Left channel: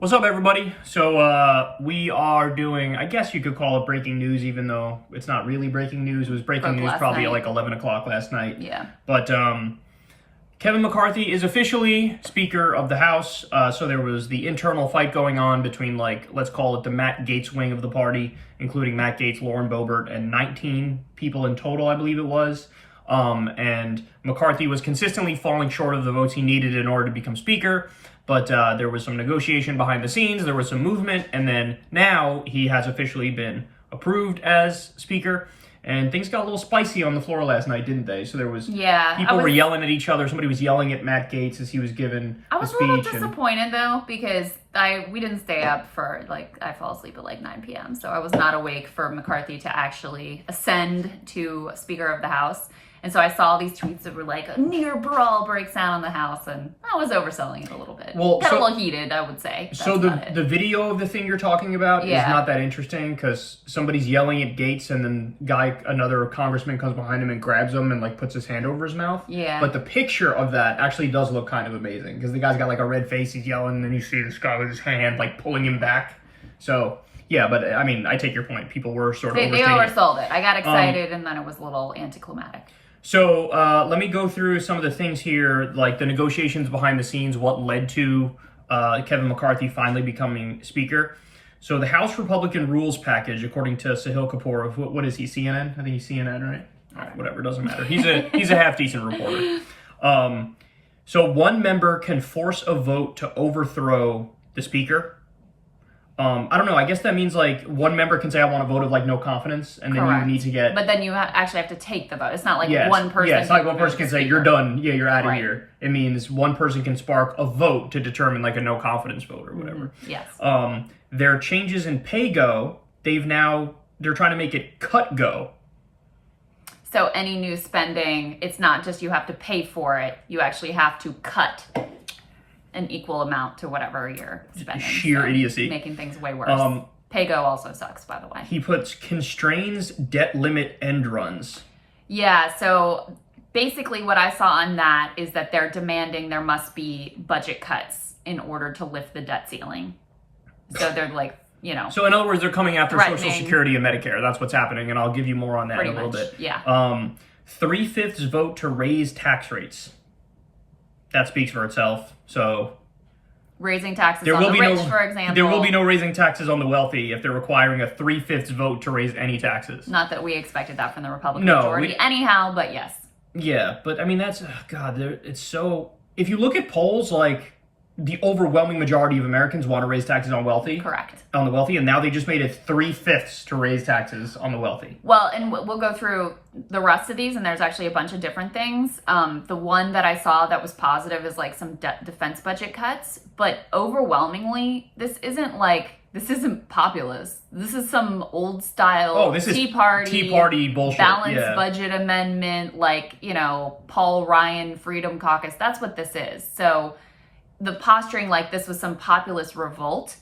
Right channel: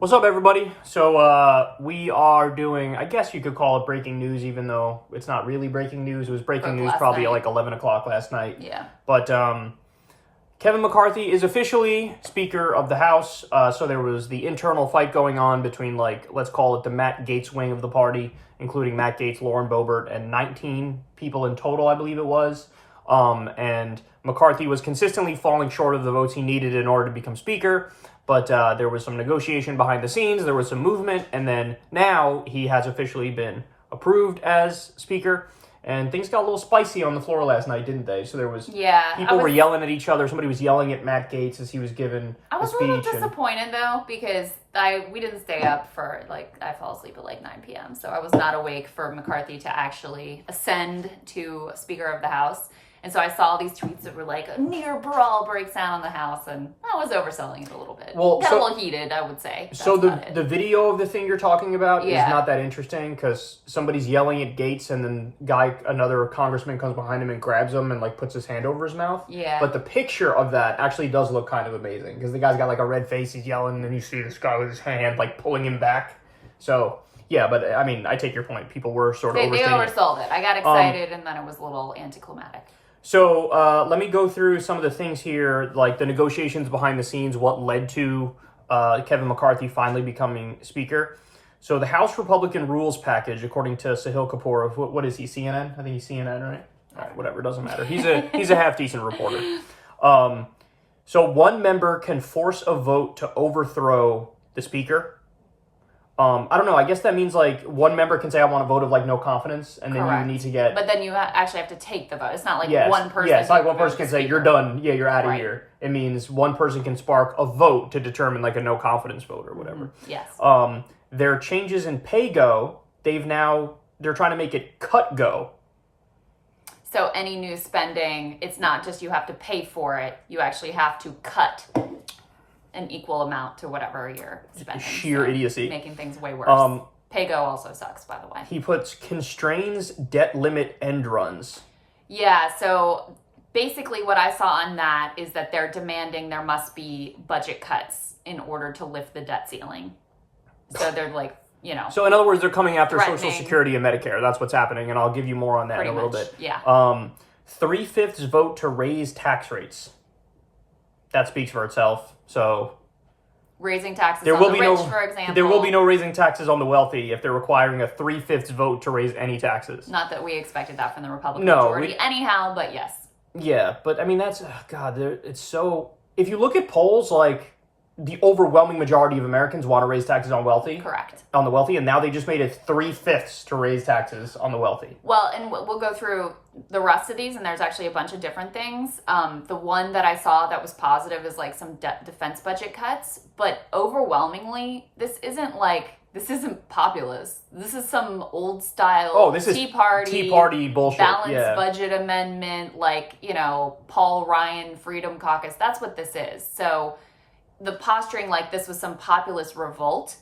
What's up, everybody? So we are doing, I guess you could call it breaking news, even though it's not really breaking news. It was breaking news probably at like 11 o'clock last night. Yeah. But Kevin McCarthy is officially Speaker of the House. So there was the internal fight going on between, like, let's call it the Matt Gaetz wing of the party, including Matt Gaetz, Lauren Boebert, and 19 people in total, I believe it was. And McCarthy was consistently falling short of the votes he needed in order to become Speaker. But there was some negotiation behind the scenes, there was some movement, and then now he has officially been approved as Speaker. And things got a little spicy on the floor last night, didn't they? So there was people were yelling at each other. Somebody was yelling at Matt Gaetz as he was given I was a a little speech. disappointed though, because we didn't stay up for I fell asleep at like 9 p.m. So I was not awake for McCarthy to actually ascend to Speaker of the House. And so I saw these tweets that were like, a near brawl breaks out in the House, and I was overselling it a little bit. Got a little heated, I would say. So the video of the thing you're talking about is not that interesting, because somebody's yelling at Gaetz, and then another congressman comes behind him and grabs him and like puts his hand over his mouth. Yeah. But the picture of that actually does look kind of amazing, because the guy's got like a red face, he's yelling, and then you see this guy with his hand like pulling him back. So yeah, but I mean, I take your point. People were sort of they oversold it. I got excited, and then it was a little anticlimactic. So let me go through some of the things here, like the negotiations behind the scenes, what led to Kevin McCarthy finally becoming Speaker. So the House Republican Rules Package, according to Sahil Kapoor of, what is he, CNN? I think he's CNN, right? All right, whatever, doesn't matter. He's a half-decent reporter. So one member can force a vote to overthrow the Speaker. I don't know. I guess that means like one member can say, I want a vote of like no confidence, and then you need to get. But then you actually have to take the vote. It's not like one person. Yeah, it's not like one person can say, you're done. Yeah, you're out of here. It means one person can spark a vote to determine like a no confidence vote or whatever. Yes. Their changes in pay go. They're trying to make it cut go. So any new spending, it's not just you have to pay for it. You actually have to cut an equal amount to whatever you're spending. Sheer idiocy. Making things way worse. Pay-go also sucks, by the way. He puts constrains debt limit end runs. Yeah, so basically what I saw on that is that they're demanding there must be budget cuts in order to lift the debt ceiling. So they're like, So in other words, they're coming after Social Security and Medicare. That's what's happening, and I'll give you more on that in a little bit. Yeah. 3/5 vote to raise tax rates. That speaks for itself. So raising taxes on the rich, for example. There will be no raising taxes on the wealthy if they're requiring a 3/5 vote to raise any taxes. Not that we expected that from the Republican majority anyhow, but yes. Yeah, but I mean, that's, it's so, if you look at polls, like, the overwhelming majority of Americans want to raise taxes on wealthy. Correct. On the wealthy, and now they just made it 3/5 to raise taxes on the wealthy. Well, and we'll go through the rest of these, and there's actually a bunch of different things. The one that I saw that was positive is like some defense budget cuts, but overwhelmingly, this isn't populist. This is some old style Tea Party bullshit. Balanced budget amendment, like, Paul Ryan Freedom Caucus. That's what this is. So the posturing like this was some populist revolt.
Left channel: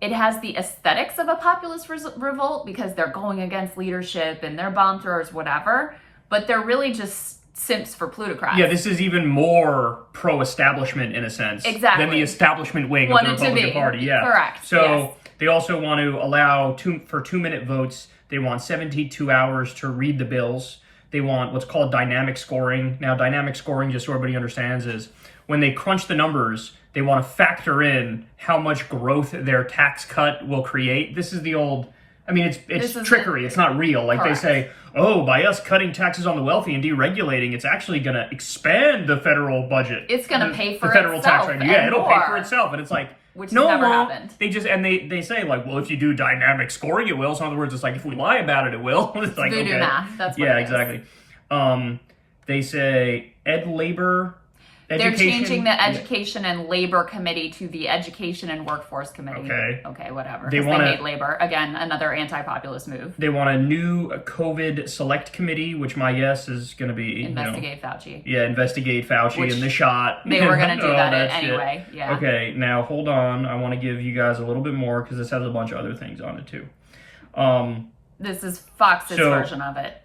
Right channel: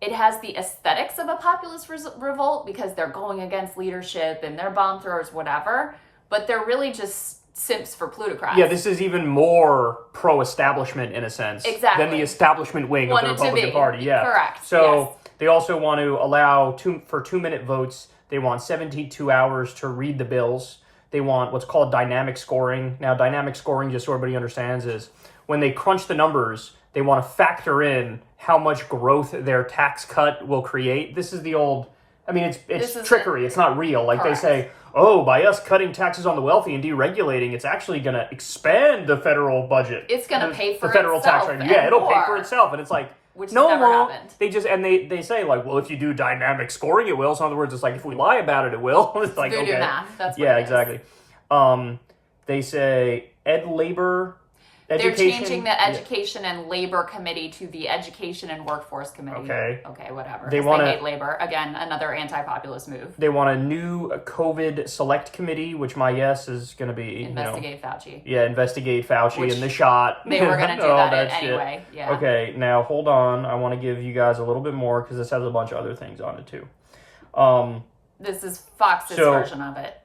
It has the aesthetics of a populist revolt because they're going against leadership and they're bomb throwers, whatever, but they're really just simps for plutocrats. Yeah, this is even more pro-establishment in a sense than the establishment wing of the Republican Party. Yeah, correct. So they also want to allow for 2-minute votes. They want 72 hours to read the bills. They want what's called dynamic scoring. Now, dynamic scoring, just so everybody understands, is when they crunch the numbers, they want to factor in how much growth their tax cut will create. This is the old, it's trickery. It's not real. Like they say, by us cutting taxes on the wealthy and deregulating, it's actually going to expand the federal budget. It's going to pay for the federal itself. Tax rate. Yeah, it'll pay for itself. And it's like, which never happened. They say like, well, if you do dynamic scoring, it will. So in other words, it's like, if we lie about it, it will. It's like, voodoo math. That's what it is. Exactly. They say they're changing the Education and Labor Committee to the Education and Workforce Committee. Okay, whatever. They hate labor. Again, another anti-populist move. They want a new COVID Select Committee, which my guess is going to be... Investigate Fauci. Yeah, investigate Fauci and the shot. They were going to do that anyway. Yeah. Okay, now hold on. I want to give you guys a little bit more because this has a bunch of other things on it too. This is Fox's version of it.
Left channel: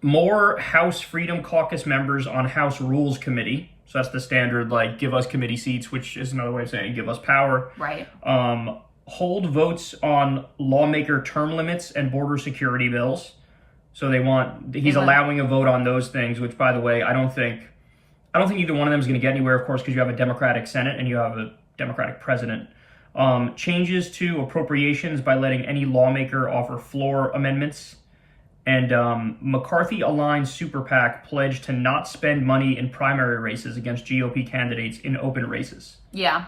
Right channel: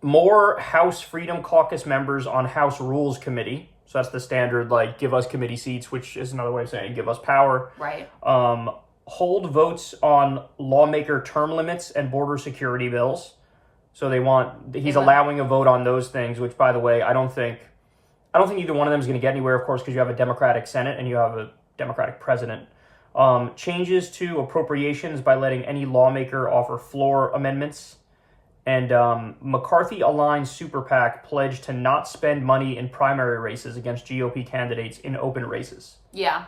More House Freedom Caucus members on House Rules Committee. So that's the standard, like, give us committee seats, which is another way of saying give us power. Right. Hold votes on lawmaker term limits and border security bills. So he's allowing a vote on those things, which, by the way, I don't think either one of them is going to get anywhere, of course, because you have a Democratic Senate and you have a Democratic president. Changes to appropriations by letting any lawmaker offer floor amendments. And McCarthy aligned super PAC pledged to not spend money in primary races against GOP candidates in open races. Yeah.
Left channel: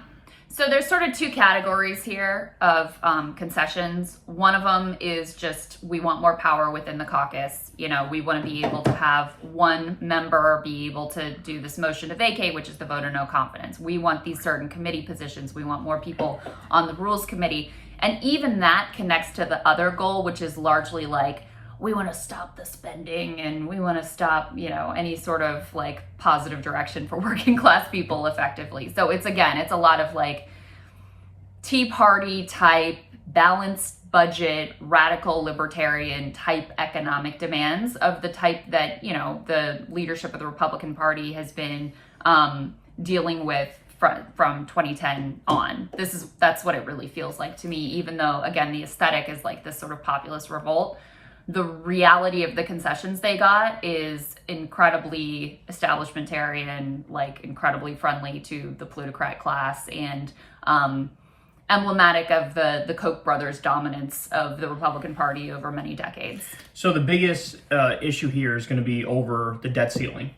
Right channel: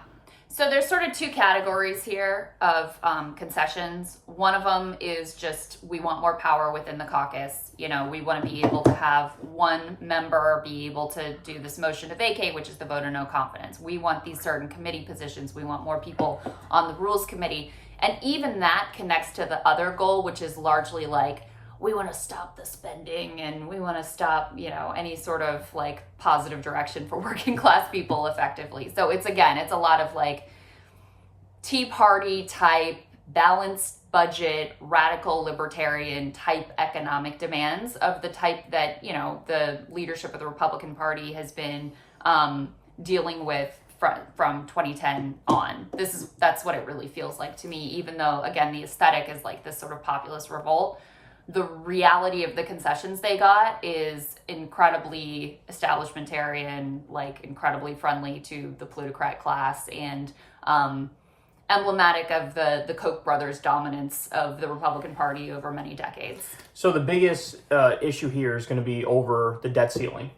So there's sort of two categories here of concessions. One of them is just we want more power within the caucus. You know, we want to be able to have one member be able to do this motion to vacate, which is the vote of no confidence. We want these certain committee positions. We want more people on the Rules Committee. And even that connects to the other goal, which is largely like, we want to stop the spending and we want to stop, you know, any sort of like positive direction for working class people effectively. So it's a lot of like Tea Party type, balanced budget, radical libertarian type economic demands of the type that, you know, the leadership of the Republican Party has been dealing with from 2010 on. That's what it really feels like to me, even though, again, the aesthetic is like this sort of populist revolt. The reality of the concessions they got is incredibly establishmentarian, like incredibly friendly to the plutocrat class and emblematic of the Koch brothers' dominance of the Republican Party over many decades. So the biggest issue here is going to be over the debt ceiling.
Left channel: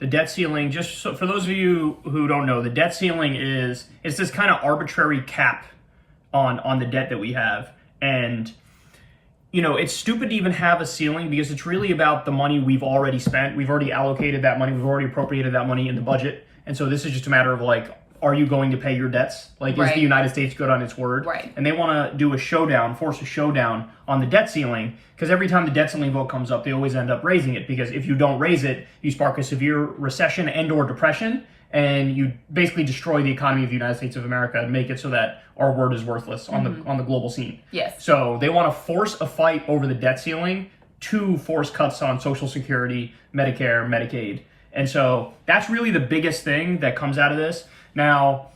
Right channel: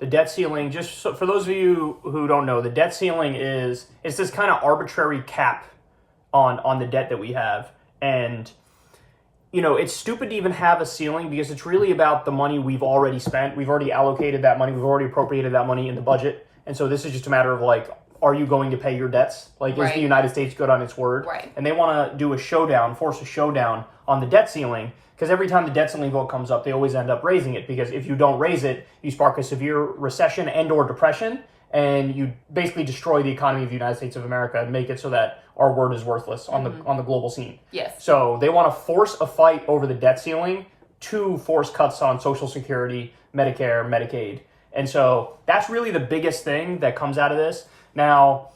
The debt ceiling, just so, for those of you who don't know, the debt ceiling it's this kind of arbitrary cap on the debt that we have. And you know, it's stupid to even have a ceiling because it's really about the money we've already spent. We've already allocated that money. We've already appropriated that money in the budget. And so this is just a matter of like, are you going to pay your debts? Like, is the United States good on its word? Right. And they want to do force a showdown on the debt ceiling because every time the debt ceiling vote comes up, they always end up raising it because if you don't raise it, you spark a severe recession and or depression and you basically destroy the economy of the United States of America and make it so that our word is worthless on the global scene. Yes. So they want to force a fight over the debt ceiling to force cuts on Social Security, Medicare, Medicaid. And so that's really the biggest thing that comes out of this. Now,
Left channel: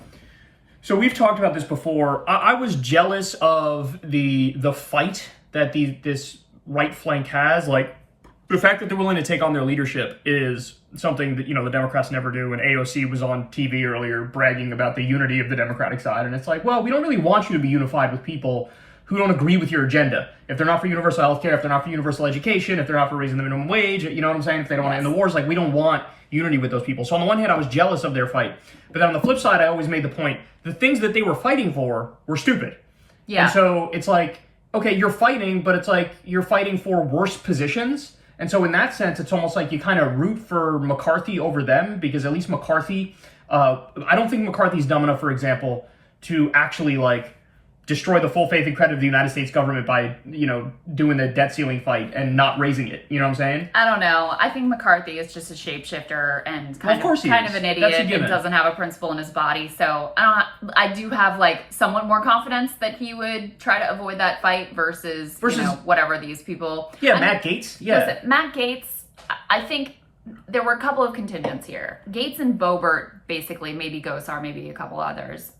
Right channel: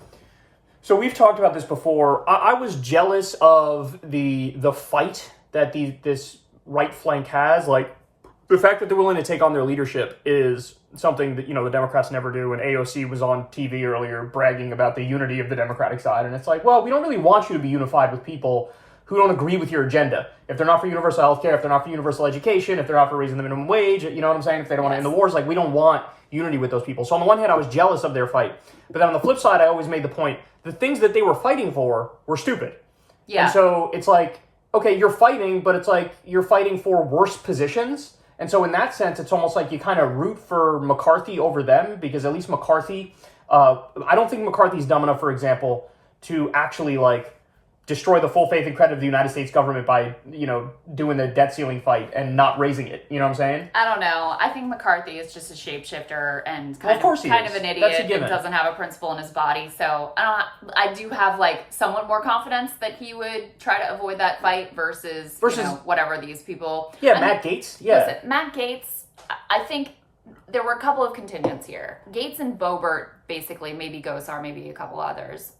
so we've talked about this before. I was jealous of the fight that this right flank has. Like, the fact that they're willing to take on their leadership is something that, you know, the Democrats never do. And AOC was on TV earlier bragging about the unity of the Democratic side. And it's like, well, we don't really want you to be unified with people who don't agree with your agenda. If they're not for universal health care, if they're not for universal education, if they're not for raising the minimum wage, you know what I'm saying? If they don't want to end the wars, like, we don't want unity with those people. So on the one hand, I was jealous of their fight. But then on the flip side, I always made the point, the things that they were fighting for were stupid. Yeah. And so it's like, okay, you're fighting, but it's like you're fighting for worse positions. And so in that sense, it's almost like you kind of root for McCarthy over them because at least McCarthy, I don't think McCarthy's dumb enough, for example, to actually like destroy the full faith and credit of the United States government by, you know, doing the debt ceiling fight and not raising it. You know what I'm saying? I don't know. I think McCarthy is just a shapeshifter and kind of an idiot and doesn't have a principle in his body. So I do have like somewhat more confidence that he would try to avoid that fight versus you know, whatever these people. Yeah, Matt Gaetz. Yeah. Listen, Matt Gaetz, I think there were a couple of contingents here. Gaetz and Boebert, basically, maybe Gosar, maybe a couple others.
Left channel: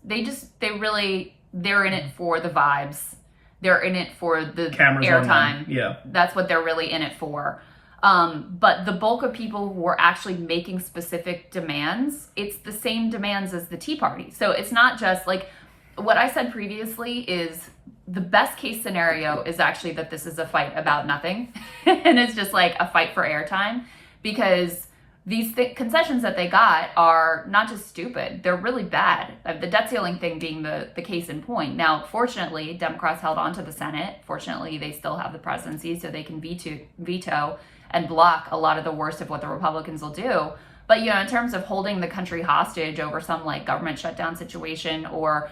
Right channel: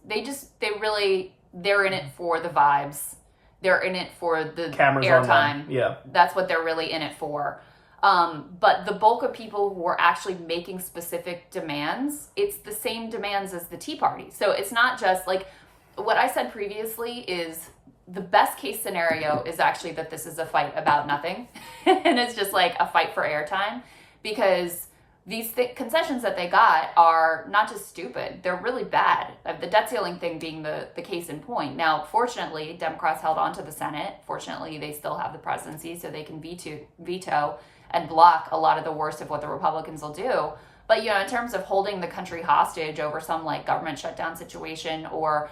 They're in it for the vibes. They're in it for the airtime. Yeah. That's what they're really in it for. But the bulk of people who are actually making specific demands, it's the same demands as the Tea Party. So it's not just like what I said previously is the best case scenario is actually that this is a fight about nothing. And it's just like a fight for airtime because these concessions that they got are not just stupid, they're really bad. The debt ceiling thing being the case in point. Now, fortunately, Democrats held on to the Senate. Fortunately, they still have the presidency, so they can veto and block a lot of the worst of what the Republicans will do. But, you know, in terms of holding the country hostage over some like government shutdown situation or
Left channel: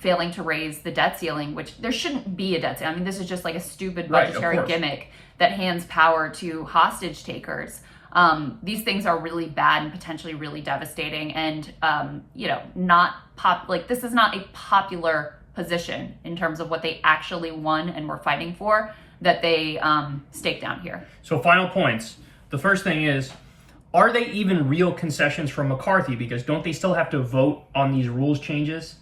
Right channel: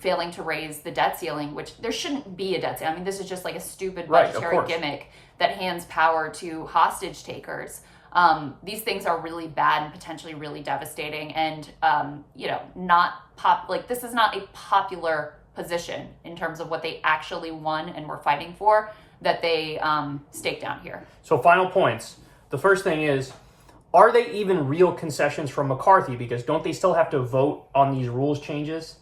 failing to raise the debt ceiling, which there shouldn't be a debt ceiling. I mean, this is just like a stupid budgetary gimmick that hands power to hostage takers. These things are really bad and potentially really devastating and, you know, this is not a popular position in terms of what they actually won and were fighting for that they staked down here. So final points. The first thing is are they even real concessions from McCarthy? Because don't they still have to vote on these rules changes?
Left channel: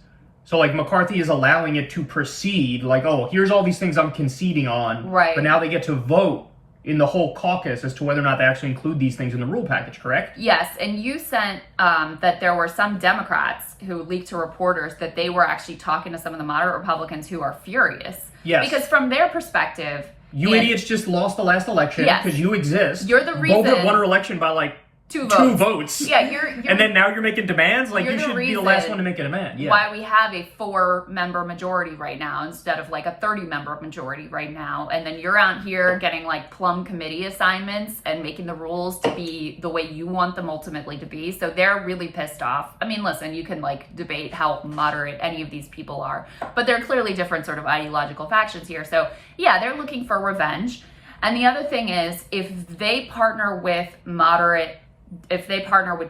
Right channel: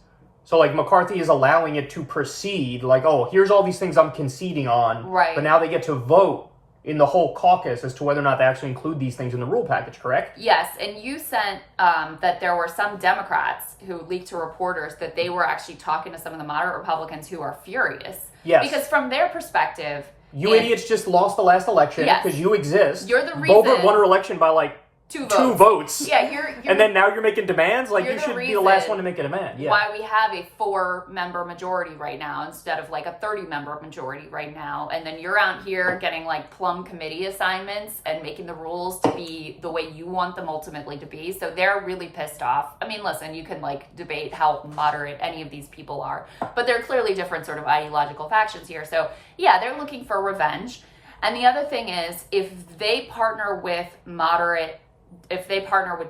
So, like, McCarthy is allowing it to proceed, like, oh, here's all these things I'm conceding on. Right. But now they get to vote in the whole caucus as to whether or not they actually include these things in the rule package, correct? Yes, and you sent that there were some Democrats who leaked to reporters that they were actually talking to some of the moderate Republicans who are furious. Yes. Because from their perspective... You idiots just lost the last election because you exist. You're the reason... Boebert won her election by, like, two votes. Yeah, you're and then now you're making demands? Like, you should be the last one to make a demand. Yeah. Why we have a 4-member majority right now instead of like a 30-member majority right now. And then you're out here getting like plum committee assignments and making the rules to be the way you want them ultimately to be. So they're really pissed off. I mean, listen, you can like debate how moderate any of these people are, but they're clearly different sort of ideological factions here. So yeah, they're looking for revenge. And the other thing is, if they partner with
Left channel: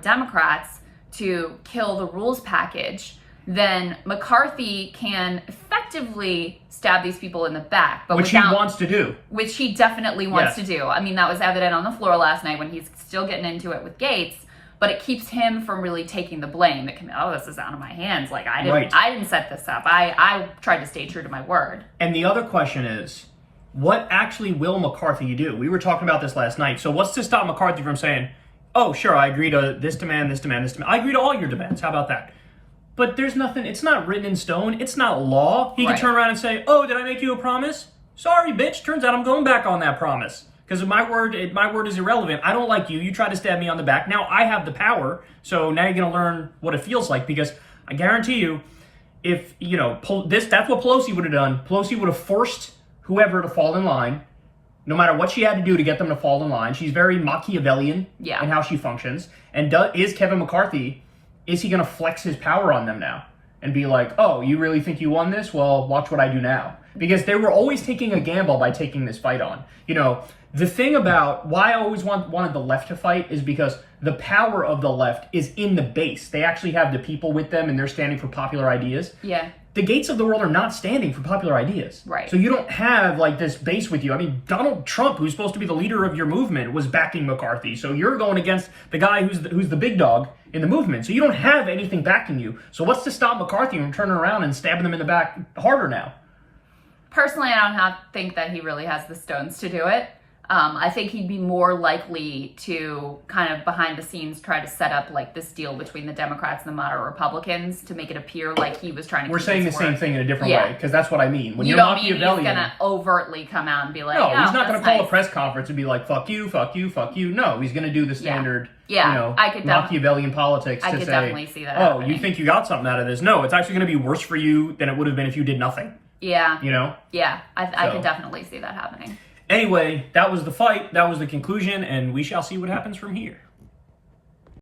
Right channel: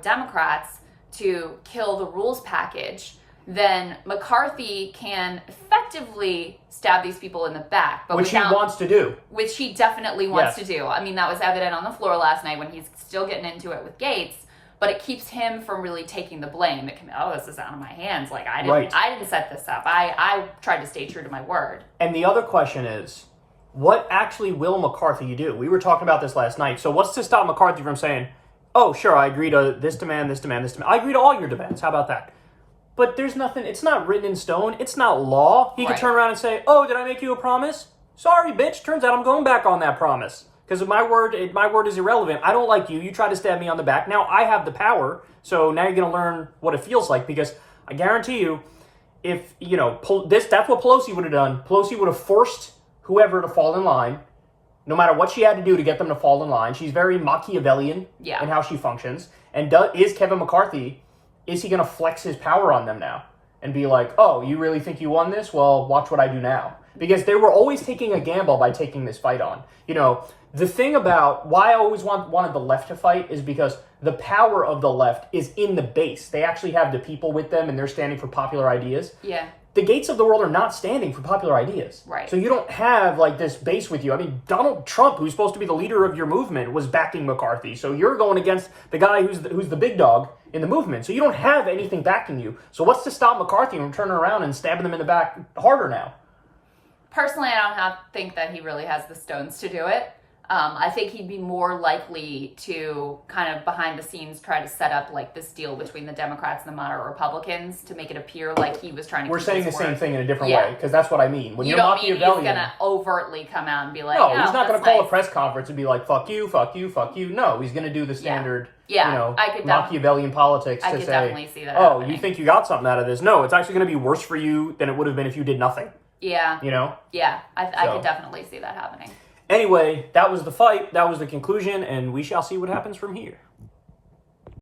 Democrats to kill the rules package, then McCarthy can effectively stab these people in the back. But which he wants to do. Which he definitely wants to do. I mean, that was evident on the floor last night when he's still getting into it with Gates. But it keeps him from really taking the blame. It can, this is out of my hands. Like, I didn't set this up. I tried to stay true to my word. And the other question is, what actually will McCarthy do? We were talking about this last night. So what's to stop McCarthy from saying, oh, sure, I agree to this demand, this demand, this demand. I agree to all your demands. How about that? But there's nothing, it's not written in stone. It's not law. He can turn around and say, oh, did I make you a promise? Sorry, bitch. Turns out I'm going back on that promise. Because my word is irrelevant. I don't like you. You try to stab me on the back. Now I have the power. So now you're going to learn what it feels like. Because I guarantee you, if, that's what Pelosi would have done. Pelosi would have forced whoever to fall in line, no matter what she had to do to get them to fall in line. She's very Machiavellian in how she functions. And is Kevin McCarthy, is he going to flex his power on them now? And be like, oh, you really think you won this? Well, watch what I do now. Because they were always taking a gamble by taking this fight on. The thing about why I always wanted the left to fight is because the power of the left is in the base. They actually have the people with them and they're standing for popular ideas. Yeah. The Gates of the world are not standing for popular ideas. Right. So you don't have like this base with you. I mean, Donald Trump, who's supposed to be the leader of your movement, was backing McCarthy. So you're going against the guy who's the big dog in the movement. So you don't have anything backing you. So what's to stop McCarthy from turning around and stabbing them in the back harder now? Personally, I don't think that he really has the stones to do it. I think he'd be more likely to kind of behind the scenes try to set up like this deal between the Democrats and the moderate Republicans to make it appear like he was trying to. We're saying the same thing in a different way because that's what I mean. When you don't mean he's going to overtly come out and be like, no, he's not going to call a press conference and be like, fuck you, fuck you, fuck you. No, he's going to do the standard, Machiavellian politics. I could definitely see that. Oh, you think you got something out of this? No, it's actually going to be worse for you than it would have been if you did nothing. Yeah. Yeah, I So. could definitely see that happening. Anyway, that was the fight. That was the conclusion, and we shall see what happens from here.